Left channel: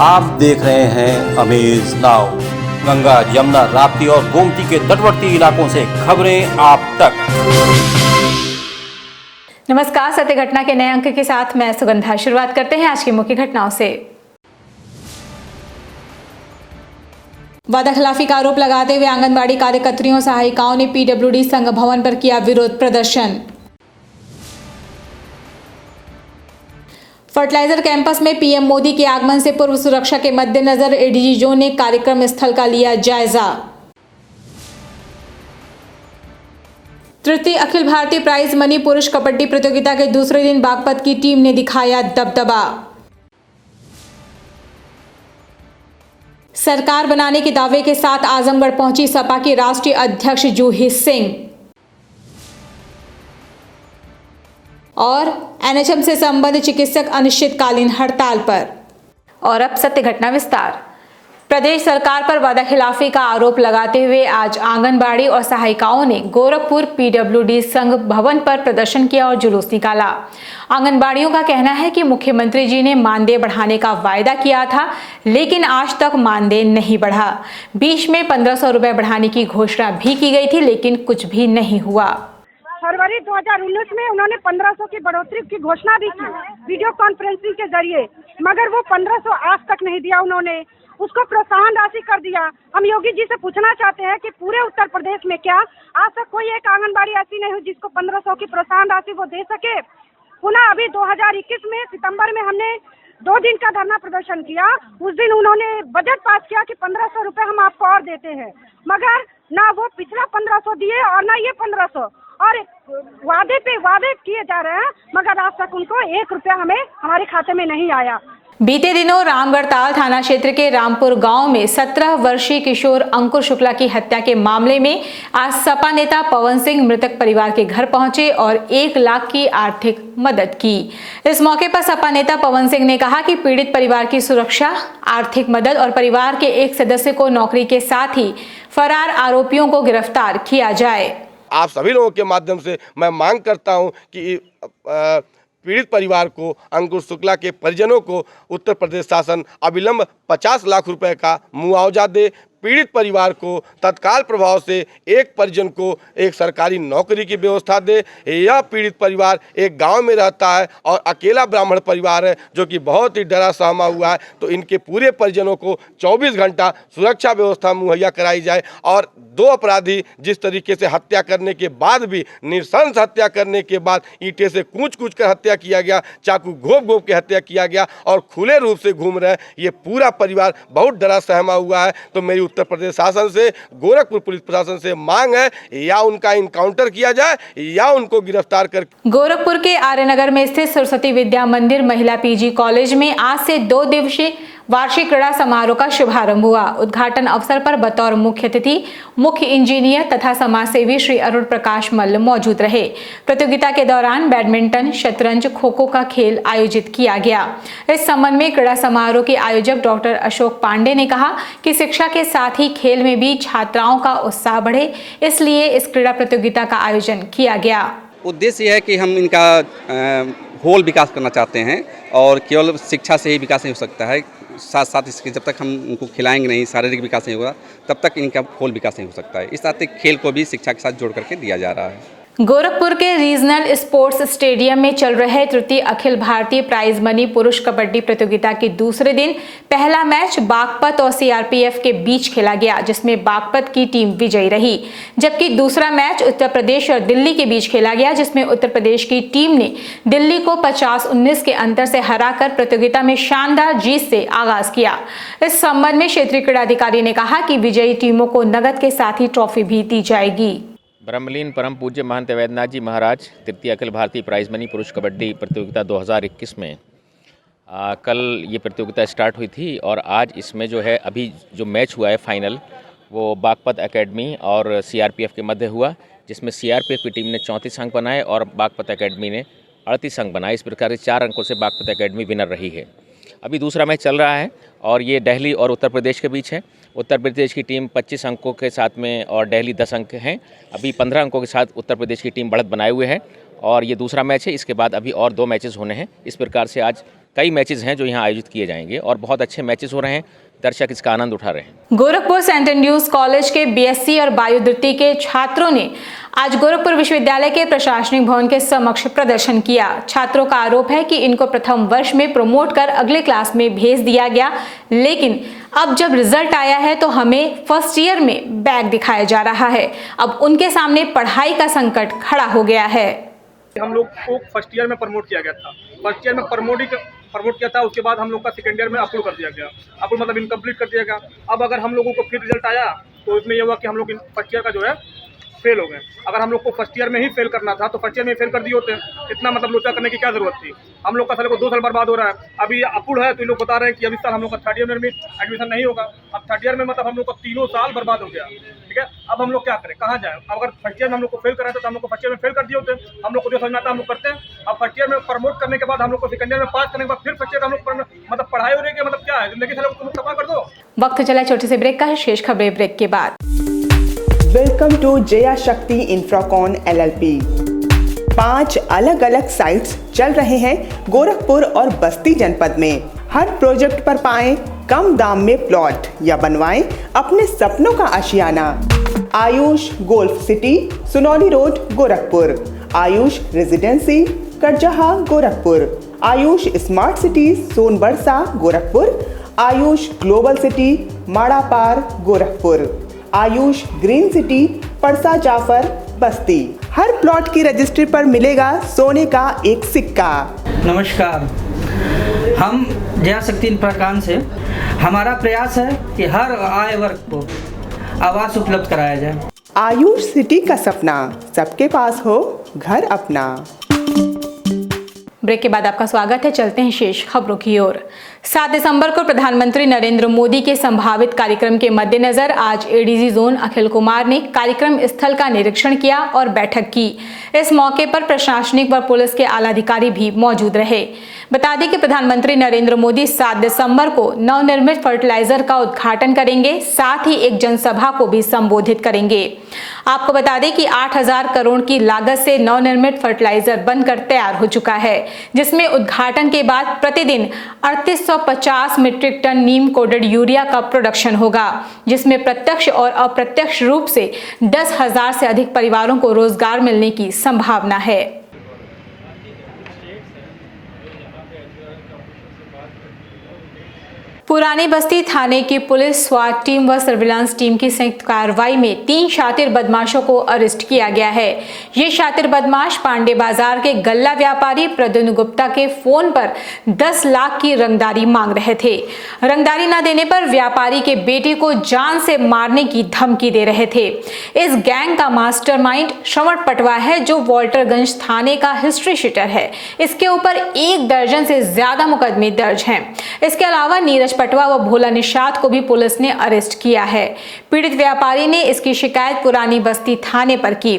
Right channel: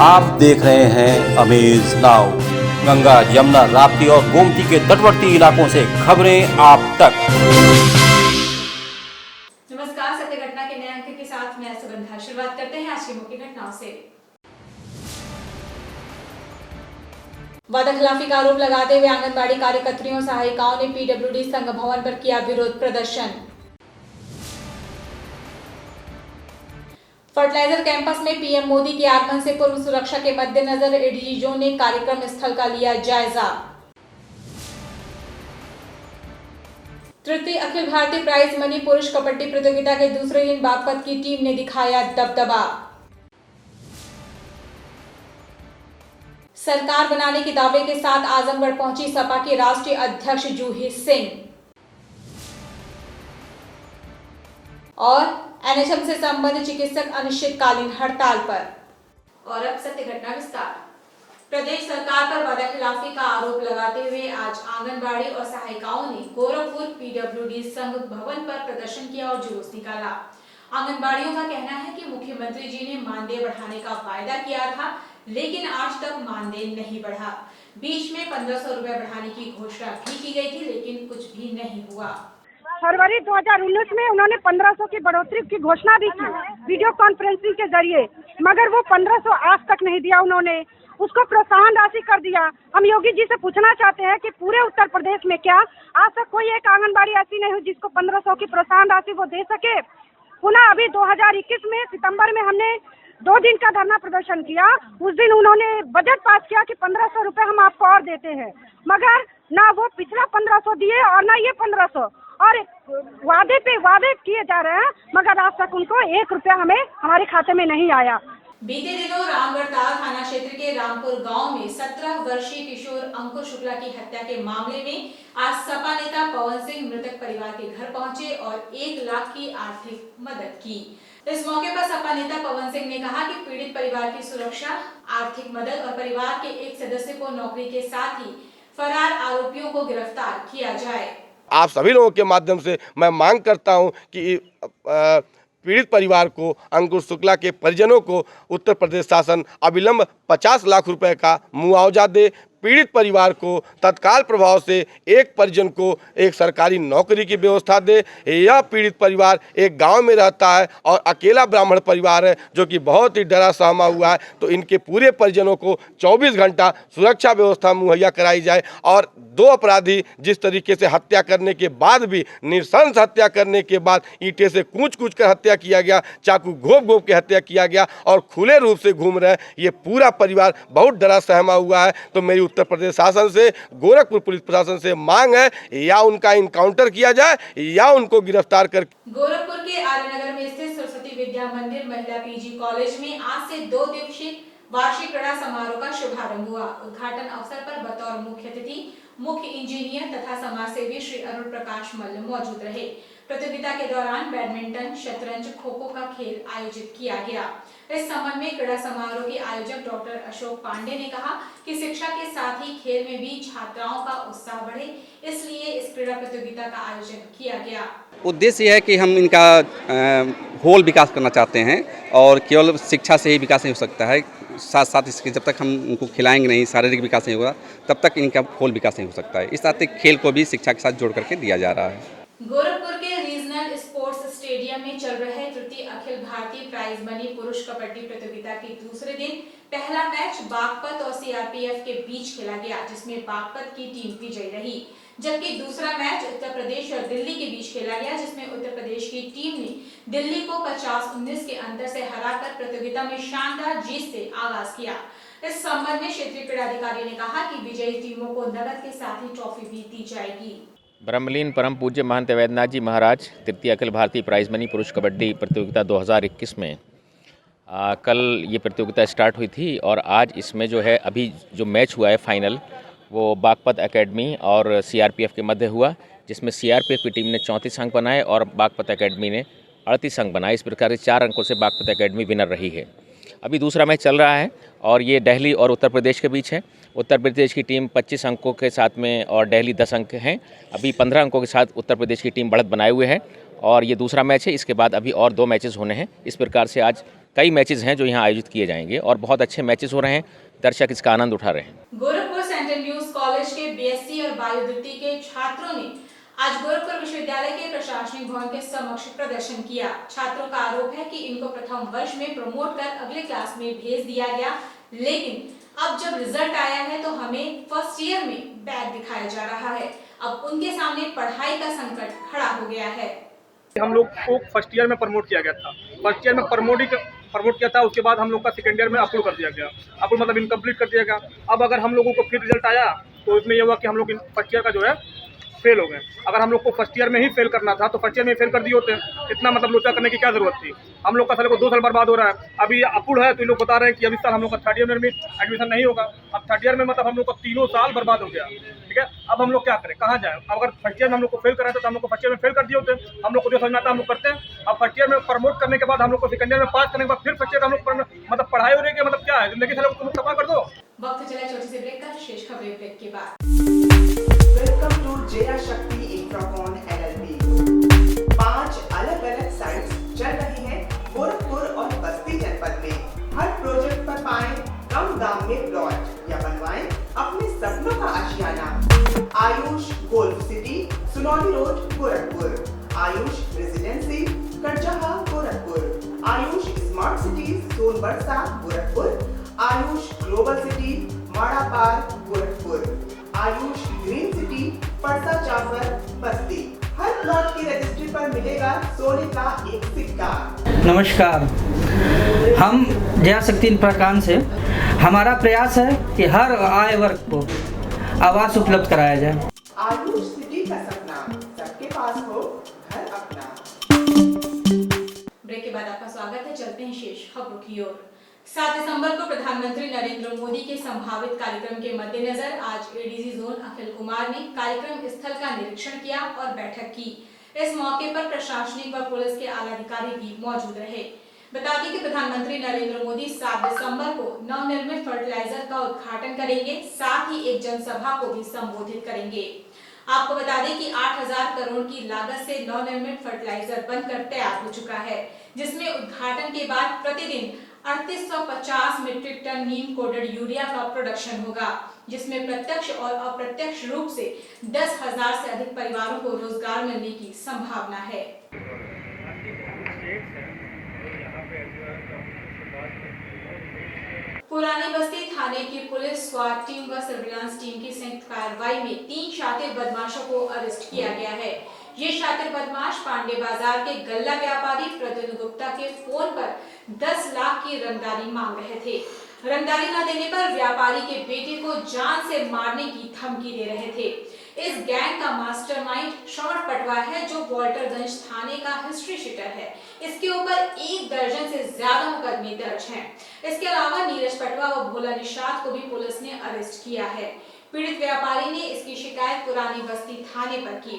आप देख रहे हैं अमेज नाउ। गंगा, यमुना, राप्ती और गोमती के तटवर्ती इलाकों से खबरें आप तक। नमस्कार, सत्य घटना के नए अंक के साथ मैं सुगंधा। शुरुआत करते हैं आज की मुख्य घटनाओं से। वादाखिलाफी का आरोप लगाते हुए आंगनबाड़ी कार्यकर्त्रियों सहायिकाओं ने पीडब्ल्यूडी संघ भवन पर किया विरोध प्रदर्शन। फर्टिलाइजर कैंपस में पीएम मोदी के आगमन से पूर्व सुरक्षा के मद्देनजर एडीजी जोन ने कार्यक्रम स्थल का लिया जायजा। तृतीय अखिल भारतीय प्राइज मनी पुरुष कबड्डी प्रतियोगिता के दूसरे दिन बागपत की टीम ने दिखाया दबदबा। सरकार बनाने के दावे के साथ आजमगढ़ पहुंची सपा के राष्ट्रीय अध्यक्ष जूही सिंह। और एनएचएम से संबंधित चिकित्सक अनिश्चितकालीन हड़ताल पर। और अब सत्य घटना विस्तार। प्रदेश सरकार पर वादाखिलाफी का आरोप लगाते हुए आज आंगनबाड़ी और सहायिकाओं ने गोरखपुर पीडब्ल्यूडी संघ भवन पर प्रदर्शन किया और जुलूस निकाला। आंगनबाड़ियों का कहना है कि मुख्यमंत्री जी ने मानदेय बढ़ाने का वायदा किया था, लेकिन आज तक मानदेय नहीं बढ़ा। बीच में 1500 रुपए बढ़ाने की घोषणा भी की गई थी, लेकिन कुछ भी नहीं हुआ। फरवरी 2019 में उन्होंने 1500 की बढ़ोतरी की घोषणा भी की वीडियो कॉन्फ्रेंसिंग के जरिए, मगर वो 1500 आज तक नहीं दिया। उन्होंने उसको प्रोत्साहन राशि कर दिया। हम योगी जी से पूछना चाहते हैं कि पूरे उत्तर प्रदेश में क्या आज तक कोई एक आंगनबाड़ी ऐसी नहीं हुई जिसको 1500 की प्रोत्साहन राशि वो दे सके। पुनः अभी 2021 में सितंबर में हमने 2 दिन का धरना प्रदर्शन किया। उस दिन उन्होंने बजट पास किया कि 1500 रुपए हम आपको और देते हैं, मगर ना वो पिछला 1500 दिए और ना ये 1500, और वादे पे वादे किए जा रहे हैं, मगर आज तक उनको 1 रुपया हमें हमारे खाते में नहीं आया। बीते दिनों रामगढ़ताल थाना क्षेत्र के रामपुर गांव में 17 वर्षीय किशोर अंकुर शुक्ला की हत्या के मामले में आज सपा नेता पवन सिंह मृतक परिवार के घर पहुंचे और 1 लाख की आर्थिक मदद की। इस मौके पर सपा नेता पवन सिंह ने कहा कि पीड़ित परिवार की सुरक्षा, आर्थिक मदद और परिवार के एक सदस्य को नौकरी के साथ ही फरार आरोपियों को गिरफ्तार किया जाए। आप सभी लोगों के माध्यम से मैं मांग करता हूं कि पीड़ित परिवार को, अंकुर शुक्ला के परिजनों को उत्तर प्रदेश शासन अविलंब 50 लाख रुपए का मुआवजा दे। पीड़ित परिवार को तत्काल प्रभाव से एक परिजन को एक सरकारी नौकरी की व्यवस्था दे। यह पीड़ित परिवार एक गांव में रहता है और अकेला ब्राह्मण परिवार है जो कि बहुत ही डरा सहमा हुआ है, तो इनके पूरे परिजनों को 24 घंटा सुरक्षा व्यवस्था मुहैया कराई जाए। और 2 अपराधी जिस तरीके से हत्या करने के बाद भी, नृशंस हत्या करने के बाद ईंटे से कूच कर हत्या किया गया, चाकू घोप के हत्या किया गया और खुले रूप से घूम रहे, ये पूरा परिवार बहुत डरा सहमा हुआ है। तो मेरी उत्तर प्रदेश शासन से, गोरखपुर पुलिस प्रशासन से मांग है, या उनका इनकाउंटर किया जाए या उनको गिरफ्तार कर। गोरखपुर के आर्यनगर में स्थित सरस्वती विद्या मंदिर महिला पीजी कॉलेज में आज से 2 दिवसीय वार्षिक क्रीड़ा समारोह का शुभारंभ हुआ। उद्घाटन अवसर पर बतौर मुख्य अतिथि मुख्य इंजीनियर तथा समाजसेवी श्री अरुण प्रकाश मल्ल मौजूद रहे। प्रतियोगिता के दौरान बैडमिंटन, शतरंज, खो-खो का खेल आयोजित किया गया। इस संबंध में क्रीड़ा समारोह के आयोजक डॉक्टर अशोक पांडे ने कहा कि शिक्षा के साथ ही खेल में भी छात्राओं का उत्साह बढ़े, इसलिए इस क्रीड़ा प्रतियोगिता का आयोजन किया गया। उद्देश्य यह है कि हम इनका होल विकास करना चाहते हैं और केवल शिक्षा से ही विकास नहीं हो सकता है, साथ साथ इसके जब तक हम उनको खिलाएंगे नहीं, शारीरिक विकास नहीं होगा, तब तक इनका होल विकास नहीं हो सकता है। इस तरह खेल को भी शिक्षा के साथ जोड़ करके दिया जा रहा है। गोरखपुर के रीजनल स्पोर्ट्स स्टेडियम में चल रहे तृतीय अखिल भारतीय प्राइज मनी पुरुष कबड्डी प्रतियोगिता के दूसरे दिन पहला मैच बागपत और सीआरपीएफ के बीच खेला गया, जिसमें बागपत की टीम विजयी रही, जबकि दूसरा मैच उत्तर प्रदेश और दिल्ली के बीच खेला गया, जिसमें उत्तर प्रदेश की टीम ने दिल्ली को 50-19 के अंतर से हराकर प्रतियोगिता में शानदार जीत से आगाज किया। इस संबंध में क्षेत्रीय क्रीड़ा अधिकारी ने कहा कि विजयी टीमों को नगद के साथ ही ट्रॉफी भी दी जाएगी। ब्रह्मलीन परम पूज्य महंत वैद्यनाथ जी महाराज तृतीय अखिल भारतीय प्राइज मनी पुरुष कबड्डी प्रतियोगिता 2021 में कल ये प्रतियोगिता स्टार्ट हुई थी और आज इसमें जो है अभी जो मैच हुआ है फाइनल, वो बागपत एकेडमी और सीआरपीएफ के मध्य हुआ, जिसमें सीआरपीएफ की टीम ने 34 अंक बनाए और बागपत एकेडमी ने 38 अंक बनाए। इस प्रकार से 4 अंकों से बागपत एकेडमी विनर रही है। अभी दूसरा मैच चल रहा है और ये दिल्ली और उत्तर प्रदेश के बीच है। उत्तर प्रदेश की टीम 25 अंकों के साथ में और दिल्ली 10 अंक हैं। अभी 15 अंकों के साथ उत्तर प्रदेश की टीम बढ़त बनाए हुए है और ये दूसरा मैच है। इसके बाद अभी और 2 मैचेस होने हैं। इस प्रकार से आज कई मैचेस हैं जो यहाँ आयोजित किए जाएंगे और बहुत अच्छे मैचेस हो रहे हैं, दर्शक इसका आनंद उठा रहे हैं। गोरखपुर सेंट एंड्रयूज कॉलेज के बीएससी और वायुद्युति के छात्रों ने आज गोरखपुर विश्वविद्यालय के प्रशासनिक भवन के समक्ष प्रदर्शन किया। छात्रों का आरोप है कि इनको प्रथम वर्ष में प्रमोट कर अगले क्लास में भेज दिया गया, लेकिन अब जब रिजल्ट आया है तो हमें फर्स्ट ईयर में बैक दिखाया जा रहा है। अब उनके सामने पढ़ाई का संकट खड़ा हो गया है। हम लोग को फर्स्ट ईयर में प्रमोट किया गया था, फर्स्ट ईयर में प्रमोट किया था, उसके बाद हम लोग का सेकेंड ईयर में अप्रूव कर दिया गया, अप्रूव मतलब इनकम्प्लीट कर दिया गया। अब अगर हम लोगों को फिर रिजल्ट आया तो इसमें यह हुआ कि हम लोग फर्स्ट ईयर का जो है फेल हो गए। अगर हम लोग को फर्स्ट ईयर में ही फेल करना था तो फर्स्ट ईयर में फेल कर दिए होते, इतना मतलब लोचा करने की क्या जरूरत थी। हम लोग का साल को 2 साल बर्बाद हो रहा है। अभी अप्रूव है तो ये लोग बता रहे हैं कि अभी साल हम लोग का थर्ड ईयर में एडमिशन नहीं होगा। अब थर्ड ईयर में मतलब हम लोग का 3 साल बर्बाद हो गया। ठीक है, अब हम लोग क्या करें, कहाँ जाए। अब अगर फर्स्ट ईयर में हम लोग को फेल कराते तो हम लोग को फर्स्ट ईयर में फेल कर दिए होते, हम लोग को जो समझ आता हम लोग करते हैं। अब फर्स्ट ईयर में प्रमोट करने के बाद हम लोग को सेकंड ईयर में पास करने के बाद फिर फर्स्ट ईयर हम लोग मतलब पढ़ाई हो रही है, मतलब क्या है, जिंदगी से लोग तबाह कर दो। वक्त चला छोटे से ब्रेक का, शेष खबरें ब्रेक के बाद। वेलकम टू जया शक्ति इंफ्राकॉन LLP। 5 अलग अलग साइट्स चल रहे हैं गोरखपुर और बस्ती जनपद में। हर प्रोजेक्ट पर पाएं कम दाम में प्लॉट या बनवाएं अपने सपनों का आशियाना। Ayush golf city, Sunauli road, Gorakhpur. Ayush residency, Karjaha, Gorakhpur. Ayush smart city, Sonbarsa, Gorakhpur. Ayush global city, Madapar, Gorakhpur. Ayush green city, Parsa Jafar, Basti. हर प्लॉट की रजिस्ट्री पर मिलेगा सोने का एक सिक्का। नमस्कार, हम जया शक्ति इंफ्राकॉन से। हमारा प्रयास है कि हर आय वर्ग को आवास उपलब्ध कराया जाए। आयुष सिटी का सपना, सबके पास हो घर अपना। ब्रेक के बाद आपका स्वागत है। चलते हैं शेष खबरों की ओर। 7 दिसंबर को प्रधानमंत्री नरेंद्र मोदी के संभावित कार्यक्रम के मद्देनजर आज एडीजी जोन अखिल कुमार ने कार्यक्रम स्थल का निरीक्षण किया और बैठक की। इस मौके पर प्रशासनिक व पुलिस के आला अधिकारी भी मौजूद रहे। बता दें कि प्रधानमंत्री नरेंद्र मोदी 7 दिसंबर को नवनिर्मित फर्टिलाइजर का उद्घाटन करेंगे, साथ ही एक जनसभा को भी संबोधित करेंगे। आपको बता दें कि 8,000 करोड़ की लागत से नवनिर्मित फर्टिलाइजर बनकर तैयार हो चुका है, जिसमें उद्घाटन के बाद प्रतिदिन 3850 मीट्रिक टन नीम कोडेड यूरिया का प्रोडक्शन होगा, जिसमें प्रत्यक्ष और अप्रत्यक्ष रूप से 10,000 से अधिक परिवारों को रोजगार मिलने की संभावना है। पुरानी बस्ती थाने की पुलिस, स्वाट टीम व सर्विलांस टीम की संयुक्त कार्रवाई में 3 शातिर बदमाशों को अरेस्ट किया गया है। ये शातिर बदमाश पांडे बाजार के गल्ला व्यापारी प्रद्युम्न गुप्ता के फोन पर 10 लाख की रंगदारी मांग रहे थे। रंगदारी न देने पर व्यापारी के बेटे को जान से मारने की धमकी दे रहे थे। इस गैंग का मास्टरमाइंड श्रवण पटवा है, जो वॉल्टरगंज थाने का हिस्ट्री शीटर है। इसके ऊपर 1 दर्जन से ज्यादा मुकदमे दर्ज हैं। इसके अलावा नीरज पटवा व भोला निषाद को भी पुलिस ने अरेस्ट किया है। पीड़ित व्यापारी ने इसकी शिकायत पुरानी बस्ती थाने पर की।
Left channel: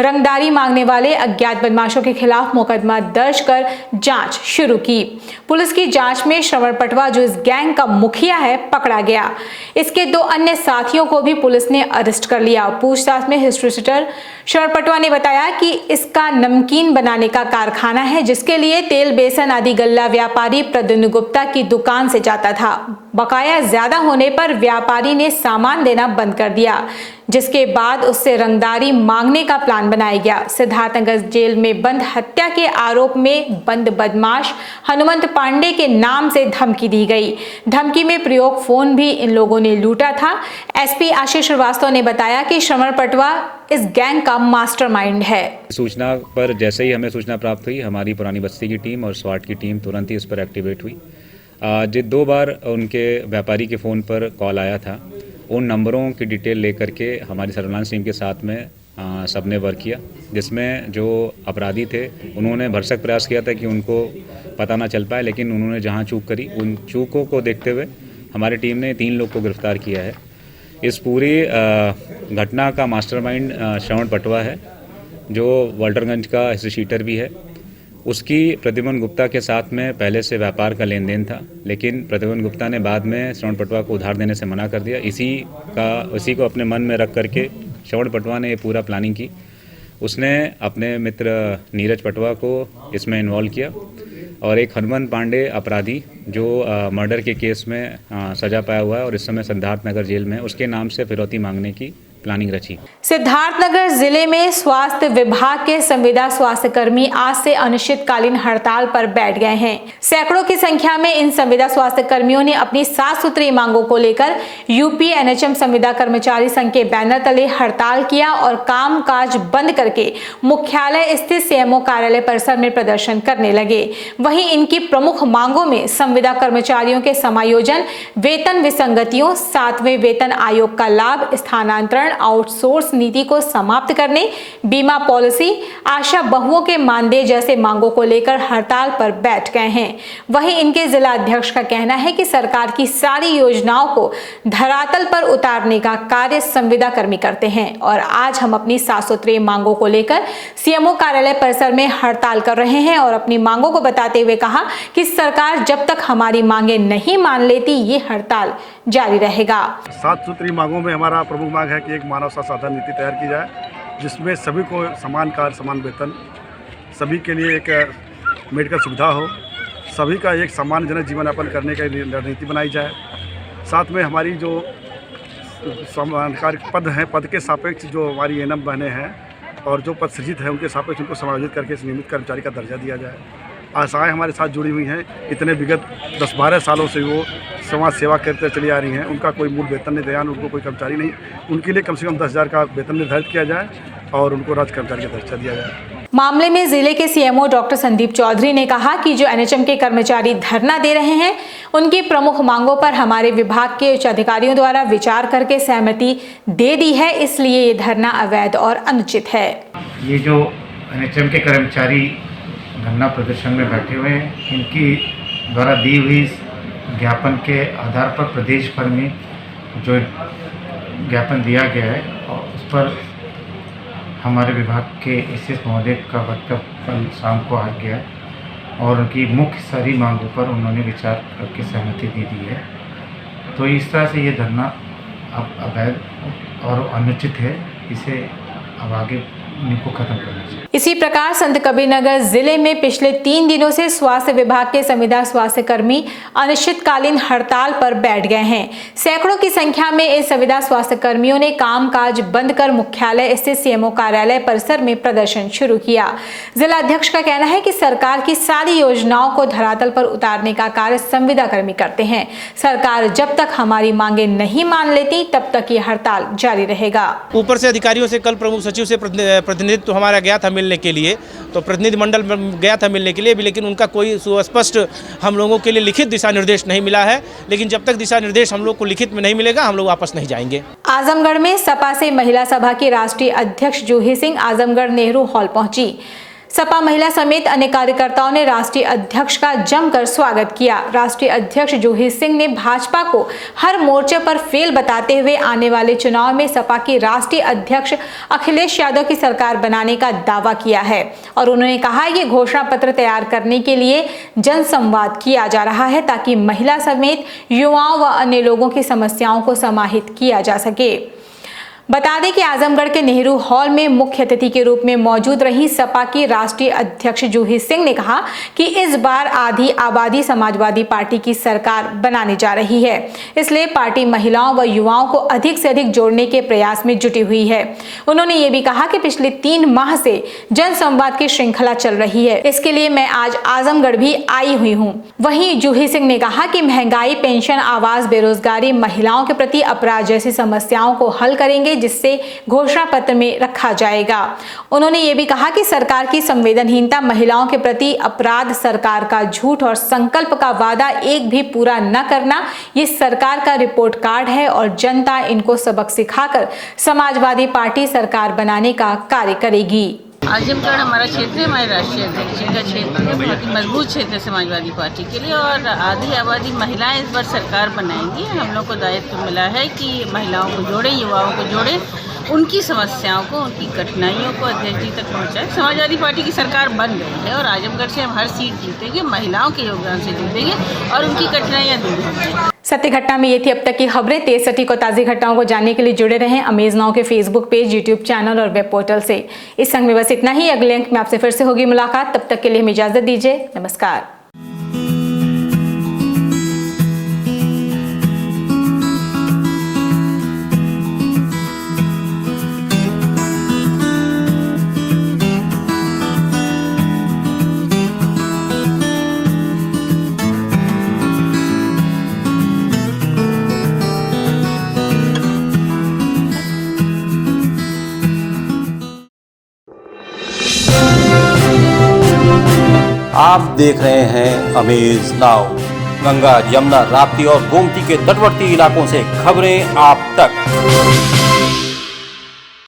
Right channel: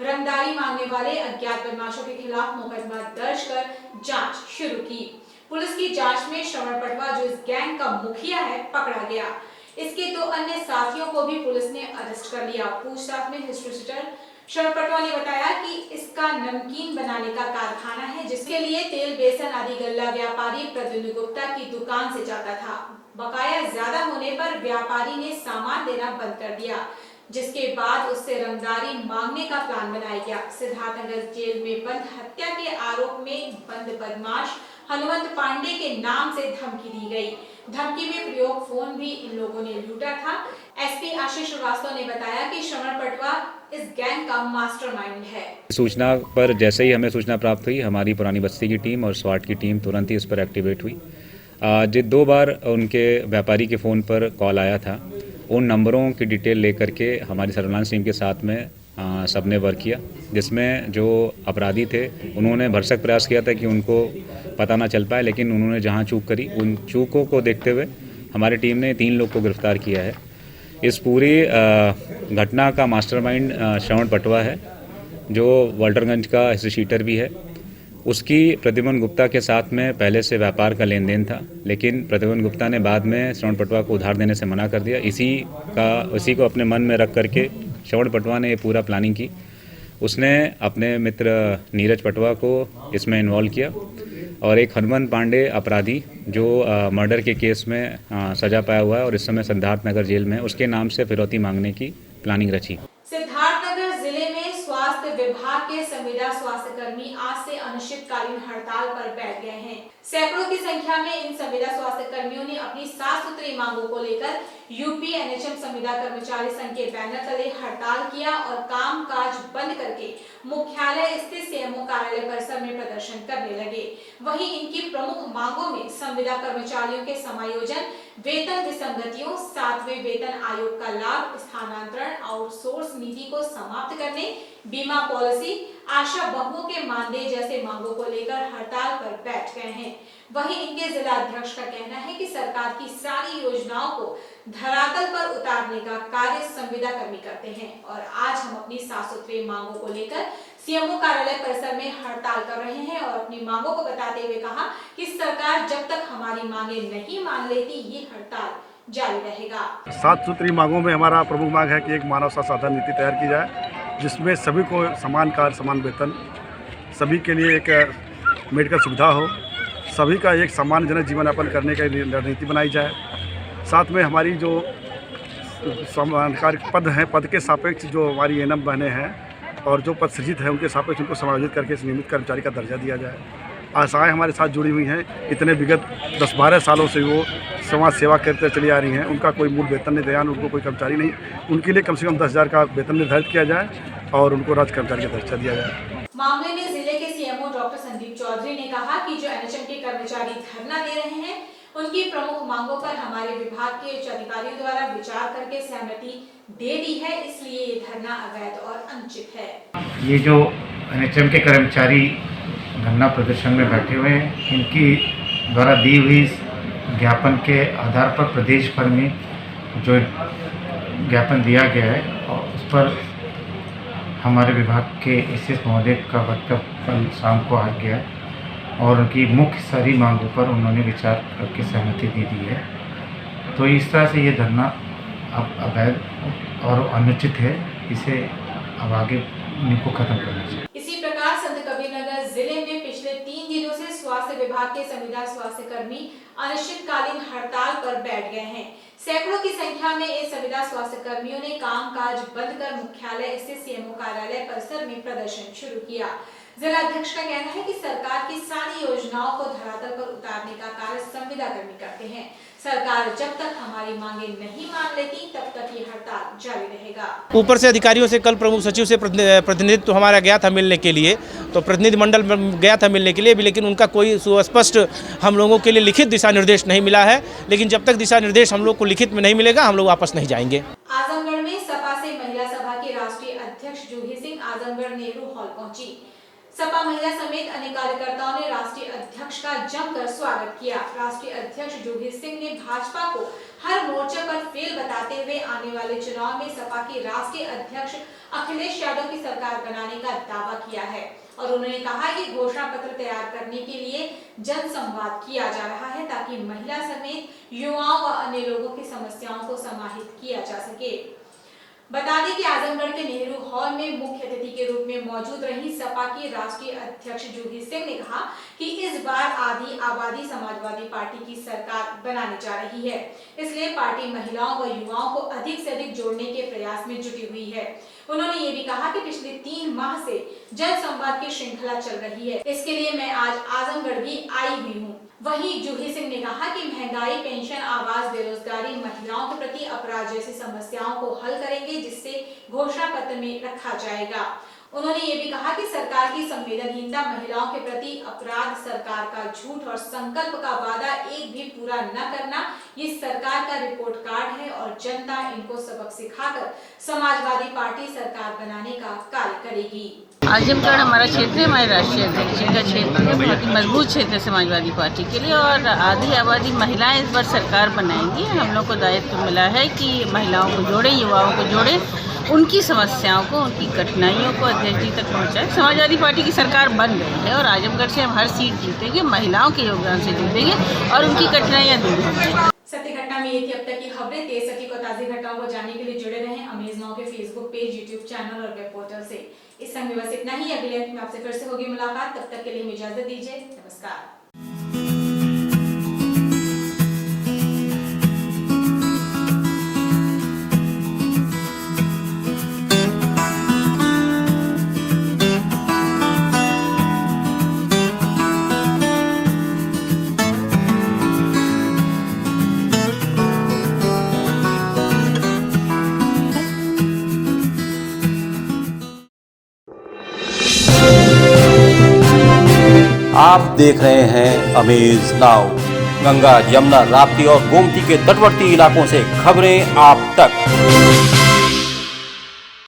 रंगदारी मांगने वाले अज्ञात बदमाशों के खिलाफ मुकदमा दर्ज कर जांच शुरू की। पुलिस की जांच में श्रवण पटवा, जो इस गैंग का मुखिया है, पकड़ा गया। इसके 2 अन्य साथियों को भी पुलिस ने अरेस्ट कर लिया। पूछताछ में हिस्ट्री शीटर श्रवण पटवा ने बताया कि इसका नमकीन बनाने का कारखाना है, जिसके लिए तेल, बेसन आदि गल्ला व्यापारी प्रद्युम्न गुप्ता की दुकान से जाता था। बकाया ज्यादा होने पर व्यापारी ने सामान देना बंद कर दिया, जिसके बाद उससे रंगदारी मांगने का प्लान बनाया गया। सिद्धार्थनगर जेल में बंद हत्या के आरोप में बंद बदमाश हनुमंत पांडे के नाम से धमकी दी गई। धमकी में प्रयोग फोन भी इन लोगों ने लूटा था। एसपी आशीष श्रीवास्तव ने बताया कि श्रवण पटवा इस गैंग का मास्टरमाइंड है। सूचना पर जैसे ही हमें सूचना प्राप्त हुई, हमारी पुरानी बस्ती की टीम और स्वाट की टीम तुरंत ही इस पर एक्टिवेट हुई। 2 बार उनके व्यापारी के फ़ोन पर कॉल आया था। उन नंबरों की डिटेल लेकर के हमारी सर्विलांस टीम के साथ में सबने वर्क किया, जिसमें जो अपराधी थे उन्होंने भरसक प्रयास किया था कि उनको पता ना चल पाए, लेकिन उन्होंने जहां चूक करी, उन चूकों को देखते हुए हमारी टीम ने 3 लोग को गिरफ्तार किया है। इस पूरी घटना का मास्टरमाइंड श्रवण पटवा है, जो वॉल्टरगंज का हिस्ट्री शीटर भी है। उसकी प्रद्युम्न गुप्ता के साथ में पहले से व्यापार का लेन देन था, लेकिन प्रद्युम्न गुप्ता ने बाद में श्रवण पटवा को उधार देने से मना कर दिया। इसी को अपने मन में रख करके श्रवण पटवा ने ये पूरा प्लानिंग की। उसने अपने मित्र नीरज पटवा को इसमें इन्वॉल्व किया और एक हनुमान पांडे अपराधी जो मर्डर के केस में सजा पाया हुआ है और इस समय सिद्धार्थनगर जेल में, उसके नाम से फिरौती मांगने की प्लानिंग रची। सिद्धार्थनगर जिले में स्वास्थ्य विभाग के संविदा स्वास्थ्य कर्मी आज से अनिश्चितकालीन हड़ताल पर बैठ गए हैं। सैकड़ों की संख्या में इन संविदा स्वास्थ्य कर्मियों ने अपनी 7 सूत्री मांगों को लेकर यूपी एनएचएम संविदा कर्मचारी संघ के बैनर तले हड़ताल किया और कामकाज बंद करके मुख्यालय स्थित सीएमओ कार्यालय परिसर में प्रदर्शन करने लगे। वहीं इनकी प्रमुख मांगों में संविदा कर्मचारियों के समायोजन, वेतन विसंगतियों, 7वें वेतन आयोग का लाभ, स्थानांतरण, आउटसोर्स नीति को समाप्त करने, बीमा पॉलिसी, आशा बहुओं के मानदेय जैसे मांगों को लेकर हड़ताल पर बैठ गए हैं। वहीं इनके जिला अध्यक्ष का कहना है कि सरकार की सारी योजनाओं को धरातल पर उतारने का कार्य संविदा कर्मी करते हैं और आज हम अपनी 7 सूत्रीय मांगों को लेकर सीएमओ कार्यालय परिसर में हड़ताल कर रहे हैं और अपनी मांगों को बताते हुए कहा कि सरकार जब तक हमारी मांगे नहीं मान लेती ये हड़ताल जारी रहेगा। 7 सूत्री मांगों में हमारा प्रमुख मांग है कि एक मानव संसाधन नीति तैयार की जाए जिसमें सभी को समान कार्य समान वेतन, सभी के लिए एक मेडिकल सुविधा हो, सभी का एक सम्मानजनक जीवन यापन करने की रणनीति बनाई जाए। साथ में हमारी जो कार्य पद हैं, पद के सापेक्ष जो हमारी एनएम बहने हैं और जो पद सृजित है उनके सापेक्ष उनको समायोजित करके नियमित कर्मचारी का दर्जा दिया जाए। आशाएं हमारे साथ जुड़ी हुई हैं, इतने विगत 10-12 सालों से वो समाज सेवा करते चली आ रही हैं, उनका कोई मूल वेतन नहीं दिया, उनको कोई कर्मचारी नहीं, उनके लिए कम से कम 10,000 का वेतन निर्धारित किया जाए और उनको राज्य कर्मचारी का दर्जा दिया जाए। मामले में जिले के सीएमओ डॉक्टर संदीप चौधरी ने कहा कि जो एनएचएम के कर्मचारी धरना दे रहे हैं उनकी प्रमुख मांगों पर हमारे विभाग के उच्च अधिकारियों द्वारा विचार करके सहमति दे दी है, इसलिए ये धरना अवैध और अनुचित है। ये जो एनएचएम के कर्मचारी धरना प्रदर्शन में बैठे हुए हैं, इनकी द्वारा दी हुई ज्ञापन के आधार पर प्रदेश भर में जो ज्ञापन दिया गया है और उस पर हमारे विभाग के एसएस महोदय का वक्तव्य कल शाम को आ गया और उनकी मुख्य सारी मांगों पर उन्होंने विचार करके सहमति दे दी है। तो इस तरह से ये धरना अब अवैध और अनुचित है, इसे अब आगे इनको खत्म करना चाहिए। इसी प्रकार संत कबीरनगर जिले में पिछले 3 दिनों से स्वास्थ्य विभाग के संविदा स्वास्थ्य कर्मी अनिश्चितकालीन हड़ताल पर बैठ गए हैं। सैकड़ों की संख्या में इस संविदा स्वास्थ्य कर्मियों ने कामकाज बंद कर मुख्यालय स्थित सीएमओ कार्यालय परिसर में प्रदर्शन शुरू किया। जिला अध्यक्ष का कहना है कि सरकार की सारी योजनाओं को धरातल पर उतारने का कार्य संविदा कर्मी करते हैं। सरकार जब तक हमारी मांगे नहीं मान लेती तब तक ये हड़ताल जारी रहेगा। ऊपर से अधिकारियों से कल प्रमुख सचिव से प्रतिनिधित्व हमारा गया था मिलने के लिए, तो प्रतिनिधि मंडल गया था मिलने के लिए भी, लेकिन उनका कोई सुस्पष्ट हम लोगों के लिए लिखित दिशा निर्देश नहीं मिला है। लेकिन जब तक दिशा निर्देश हम लोग को लिखित में नहीं मिलेगा हम लोग वापस नहीं जाएंगे। आजमगढ़ में सपा से महिला सभा की राष्ट्रीय अध्यक्ष जूही सिंह आजमगढ़ नेहरू हॉल पहुंची। सपा महिला समेत अन्य कार्यकर्ताओं ने राष्ट्रीय अध्यक्ष का जमकर स्वागत किया। राष्ट्रीय अध्यक्ष जूही सिंह ने भाजपा को हर मोर्चे पर फेल बताते हुए आने वाले चुनाव में सपा की राष्ट्रीय अध्यक्ष अखिलेश यादव की सरकार बनाने का दावा किया है और उन्होंने कहा ये घोषणा पत्र तैयार करने के लिए जनसंवाद किया जा रहा है ताकि महिला समेत युवाओं व अन्य लोगों की समस्याओं को समाहित किया जा सके। बता दें कि आजमगढ़ के नेहरू हॉल में मुख्य अतिथि के रूप में मौजूद रही सपा की राष्ट्रीय अध्यक्ष जूही सिंह ने कहा कि इस बार आधी आबादी समाजवादी पार्टी की सरकार बनाने जा रही है, इसलिए पार्टी महिलाओं व युवाओं को अधिक से अधिक जोड़ने के प्रयास में जुटी हुई है। उन्होंने ये भी कहा कि पिछले 3 माह से जनसंवाद की श्रृंखला चल रही है, इसके लिए मैं आज आजमगढ़ भी आई हुई हूँ। वहीं जूही सिंह ने कहा कि महंगाई, पेंशन, आवास, बेरोजगारी, महिलाओं के प्रति अपराध जैसी समस्याओं को हल करेंगे जिससे घोषणा पत्र में रखा जाएगा। उन्होंने ये भी कहा कि सरकार की संवेदनहीनता, महिलाओं के प्रति अपराध, सरकार का झूठ और संकल्प का वादा एक भी पूरा न करना ये सरकार का रिपोर्ट कार्ड है और जनता इनको सबक सिखाकर समाजवादी पार्टी सरकार बनाने का कार्य करेगी। आजमगढ़ हमारा क्षेत्र है, हमारे राष्ट्रीय अध्यक्ष का क्षेत्र है, बहुत ही मजबूत क्षेत्र है समाजवादी पार्टी के लिए और आधी आबादी महिलाएं इस बार सरकार बनाएंगी। हम लोग को दायित्व मिला है कि महिलाओं को जोड़े, युवाओं को जोड़े, उनकी समस्याओं को, उनकी कठिनाइयों को अध्यक्ष जी तक पहुंचाए। समाजवादी पार्टी की सरकार बन गई है और आजमगढ़ से हम हर सीट जीतेंगे, महिलाओं के योगदान से जीतेंगे और उनकी कठिनाइयाँ दूर होंगी। सत्य घटना में ये थी अब तक की खबरें। तेज, सटीक और ताज़ी घटनाओं को जानने के लिए जुड़े रहें अमेज नाउ के फेसबुक पेज, यूट्यूब चैनल और वेब पोर्टल से। इस संग में बस इतना ही। अगले अंक में आपसे फिर से होगी मुलाकात। तब तक के लिए हमें इजाजत दीजिए। नमस्कार। आप देख रहे हैं अमेज नाउ। गंगा, यमुना, राप्ती और गोमती के तटवर्ती इलाकों से खबरें आप तक।